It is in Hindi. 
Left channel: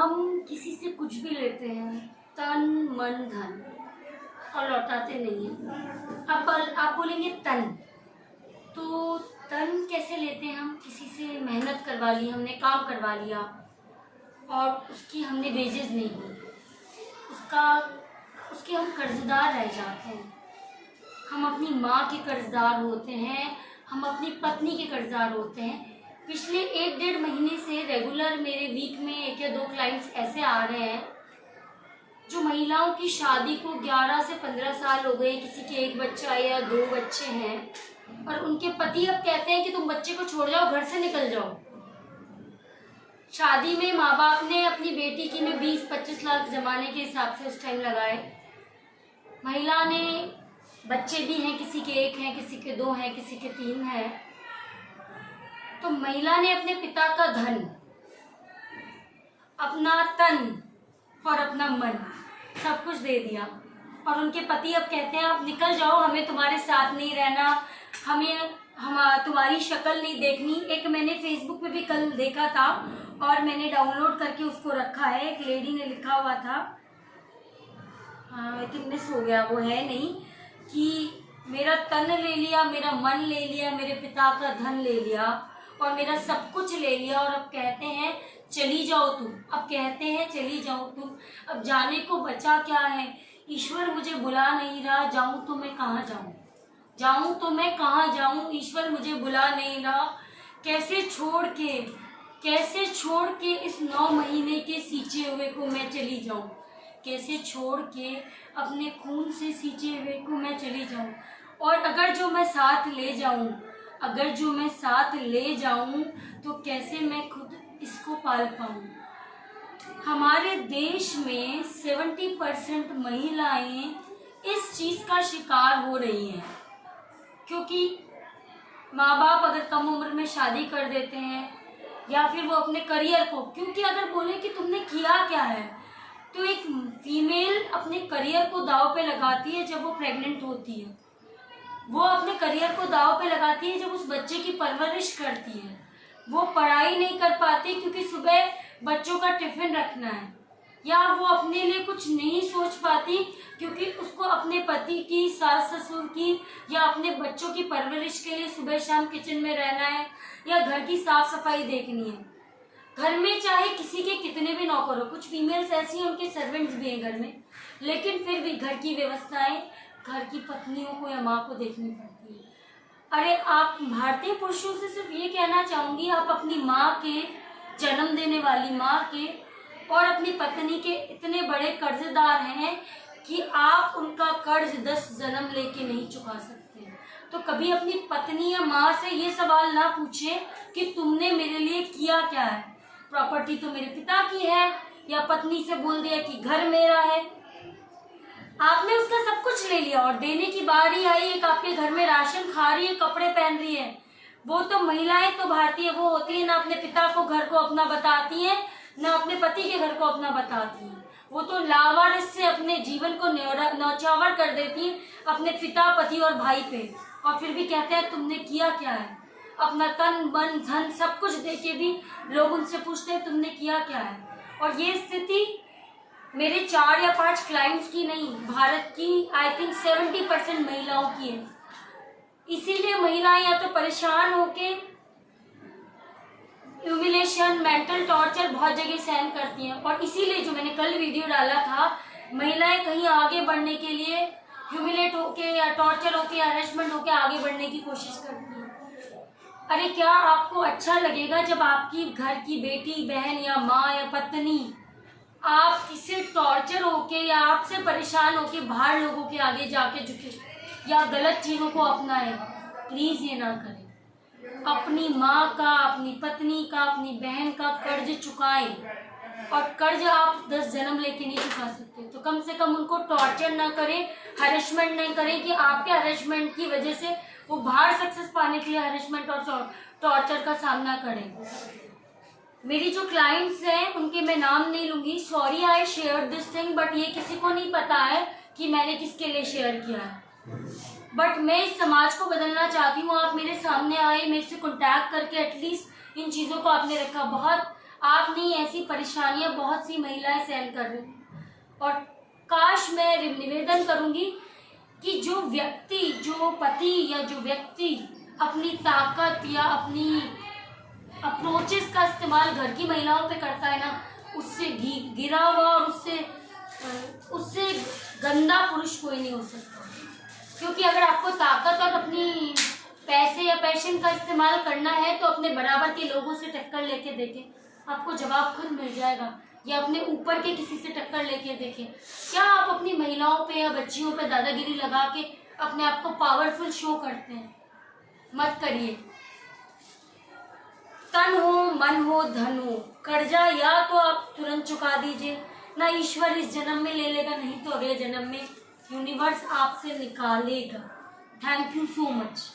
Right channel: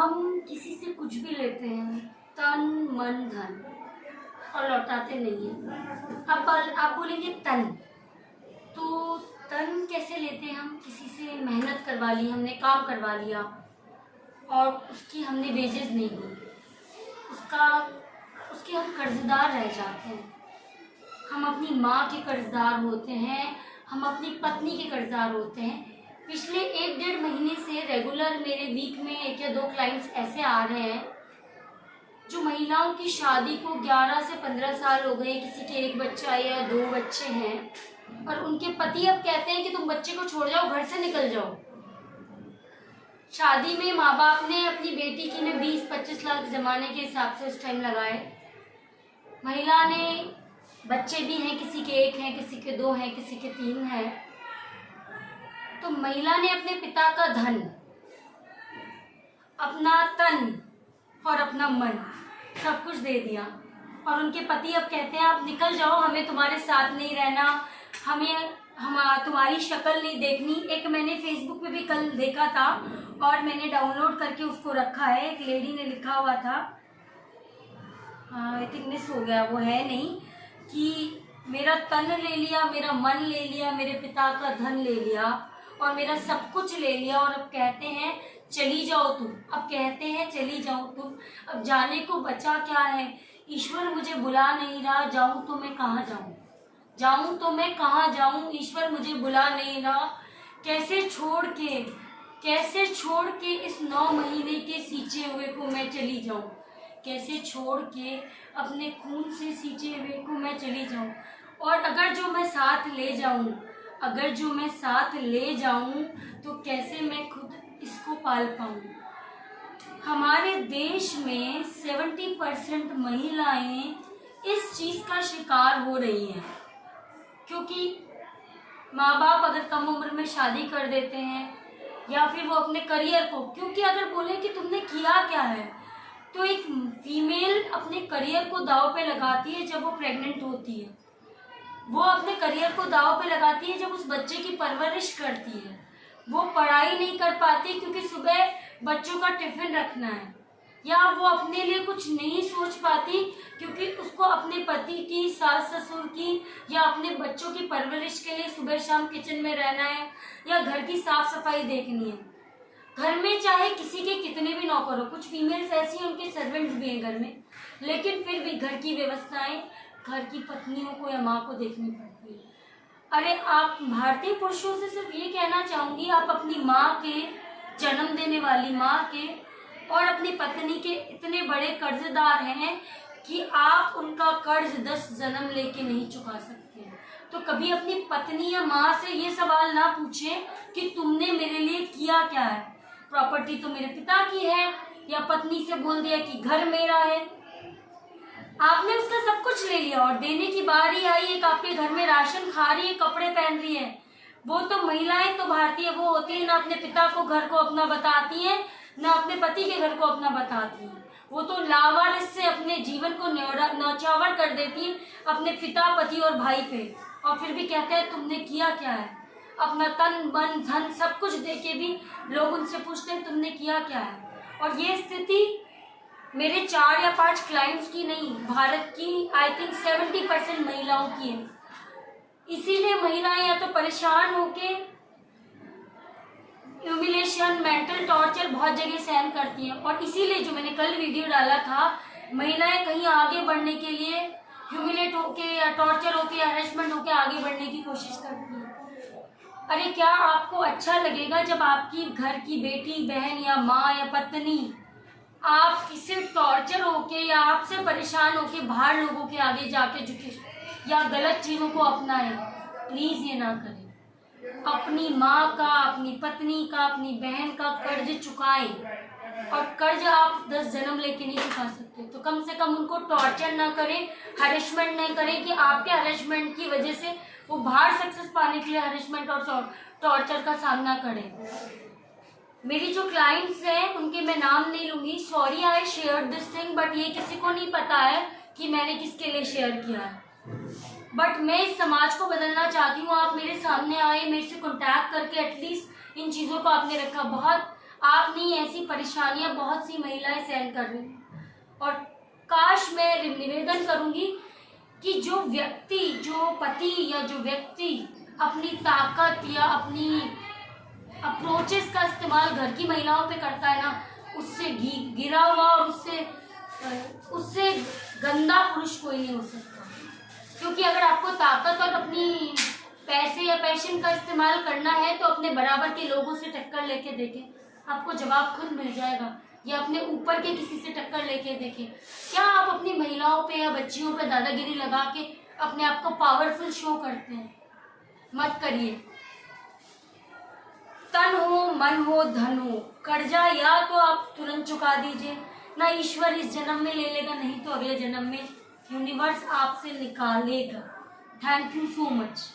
हम किसी से कुछ भी लेते हैं, तन मन धन, और लौटाते नहीं हैं। आप बोलेंगे तन, तो तन कैसे लेते हैं? हम किसी से मेहनत करवा ली, हमने काम करवा लिया और उसकी हमने वेजेस नहीं दी, उसके हम कर्जदार रह जाते हैं। हम अपनी माँ के कर्जदार होते हैं, हम अपनी पत्नी के कर्जदार होते हैं। पिछले 1-1.5 महीने से रेगुलर मेरे वीक में 1 या 2 क्लाइंट्स ऐसे आ रहे हैं जो महिलाओं की शादी को 11 से 15 साल हो गए, किसी के 1 बच्चा या 2 बच्चे हैं और उनके पति अब कहते हैं कि तुम बच्चे को छोड़ जाओ, घर से निकल जाओ। शादी में माँ बाप ने अपनी बेटी की में 20-25 लाख जमाने के हिसाब से उस टाइम लगाए। महिला ने बच्चे भी हैं, किसी के 1 हैं, किसी के 2 हैं, किसी के 3 हैं। तो महिला ने अपने पिता का धन, अपना तन और अपना मन सब कुछ दे दिया और उनके पति अब कहते हैं आप निकल जाओ, हमें तुम्हारे साथ नहीं रहना, हम तुम्हारी शक्ल नहीं देखनी। एक मैंने फेसबुक पे भी कल देखा था और मैंने डाउनलोड करके उसको रखा है। एक लेडी ने लिखा हुआ था, आई थिंक मिस हो गया, वो है नहीं, कि मेरा तन ले लिया, मेरा मन ले लिया, मेरे पिता का धन ले लिया और मेरा सब कुछ ले लिया और अब कहते हैं चली जाओ तुम। अब कहते हैं चली जाओ तुम। अब जाने को बचा क्या है? ईश्वर मुझे बुला नहीं रहा, जाऊं तो मैं कहाँ जाऊं? जाऊं तो मैं कहाँ जाऊं? ईश्वर मुझे बुला नहीं रहा। कैसे छोड़ के इस 9 महीने के सींचे हुए को मैं चली जाऊं? कैसे छोड़ के अपने खून से सींचे हुए को मैं चली जाऊं? और अगर जो मैं साथ ले जाऊं तो कैसे मैं खुद इसको पाल पाऊं? हमारे देश में 70% महिलाएं इस चीज़ का शिकार हो रही हैं, क्योंकि माँ बाप अगर कम उम्र में शादी कर देते हैं या फिर वो अपने करियर को, क्योंकि अगर बोले कि तुमने किया क्या है, तो एक फीमेल अपने करियर को दांव पे लगाती है जब वो प्रेग्नेंट होती है। वो अपने करियर को दांव पे लगाती है जब उस बच्चे की परवरिश करती है। वो पढ़ाई नहीं कर पाती क्योंकि सुबह बच्चों का टिफिन रखना है, या वो अपने लिए कुछ नहीं सोच पाती क्योंकि उसको अपने पति की, सास ससुर की या अपने बच्चों की परवरिश के लिए सुबह शाम किचन में रहना है या घर की साफ सफाई देखनी है। घर में चाहे किसी के कितने भी नौकर हो, कुछ फीमेल्स ऐसी हैं उनके सर्वेंट्स भी हैं घर में, लेकिन फिर भी घर की व्यवस्थाएं घर की पत्नियों को या माँ को देखनी पड़ती है। अरे आप भारतीय पुरुषों से सिर्फ ये कहना चाहूँगी, आप अपनी माँ के, जन्म देने वाली माँ के और अपनी पत्नी के इतने बड़े कर्जदार हैं कि आप उनका कर्ज 10 जन्म लेके नहीं चुका सकते। तो कभी अपनी पत्नी या माँ से ये सवाल ना पूछें कि तुमने मेरे लिए किया क्या है। प्रॉपर्टी तो मेरे पिता की है, या पत्नी से बोल दिया कि घर मेरा है। आपने उसका सब कुछ ले लिया और देने की बारी आई, एक आपके घर में राशन खा रही है, कपड़े पहन रही है। वो तो महिलाएं तो भारतीय वो होती है, ना अपने पिता को घर को अपना बताती हैं, ना अपने पति के घर को अपना बताती हैं। वो तो लावारिस से अपने जीवन को न्यौछावर कर देती हैं अपने पिता, पति और भाई पे, और फिर भी कहते हैं तुमने किया क्या है। अपना तन मन धन सब कुछ दे के भी लोग उनसे पूछते हैं तुमने किया क्या है। और ये स्थिति मेरे 4 या 5 क्लाइंट्स की नहीं, भारत की आई थिंक 70% महिलाओं की है। इसीलिए महिलाएं या तो परेशान होके ह्यूमिलेशन, मेंटल टॉर्चर बहुत जगह सहन करती हैं, और इसीलिए जो मैंने कल वीडियो डाला था, महिलाएं कहीं आगे बढ़ने के लिए ह्यूमिलेट होके या टॉर्चर होके या हरेसमेंट होके आगे बढ़ने की कोशिश करती हैं। अरे क्या आपको अच्छा लगेगा जब आपकी घर की बेटी, बहन या माँ या पत्नी आप किसी टॉर्चर होके या आपसे परेशान होके बाहर लोगों के आगे जाके झुके या गलत चीज़ों को अपनाएं? प्लीज़ ये ना करें। अपनी माँ का, अपनी पत्नी का, अपनी बहन का कर्ज चुकाएं, और कर्ज आप 10 जन्म लेके नहीं चुका सकते, तो कम से कम उनको टॉर्चर ना करें, हरेसमेंट नहीं करें कि आपके हरेसमेंट की वजह से वो बाहर सक्सेस पाने के लिए हरेसमेंट और टॉर्चर का सामना करें। मेरी जो क्लाइंट्स हैं उनके मैं नाम नहीं लूँगी, sorry I share this thing, but ये किसी को नहीं पता है कि मैंने किसके लिए शेयर किया है। बट मैं इस समाज को बदलना चाहती हूँ। आप मेरे सामने आए, मेरे से कॉन्टैक्ट करके एटलीस्ट इन चीज़ों को आपने रखा। बहुत आप नहीं, ऐसी परेशानियां बहुत सी महिलाएं सहन कर रही हैं। और काश मैं निवेदन करूंगी कि जो व्यक्ति, जो पति या जो व्यक्ति अपनी ताकत या अपनी अप्रोचेस का इस्तेमाल घर की महिलाओं पे करता है ना, उससे गिरा हुआ और उससे गंदा पुरुष कोई नहीं हो सकता। क्योंकि अगर आपको ताकत और अपनी पैसे या पैशन का इस्तेमाल करना है तो अपने बराबर के लोगों से टक्कर लेके देखें, आपको जवाब खुद मिल जाएगा। या अपने ऊपर के किसी से टक्कर लेके देखें। क्या आप अपनी महिलाओं पे या बच्चियों पे दादागिरी लगा के अपने आप को पावरफुल शो करते हैं? मत करिए। तन हो, मन हो, धन हो, कर्जा या तो आप तुरंत चुका दीजिए, ना ईश्वर इस जन्म में ले लेगा, नहीं तो अगले जन्म में यूनिवर्स आपसे निकालेगा। Thank you so much.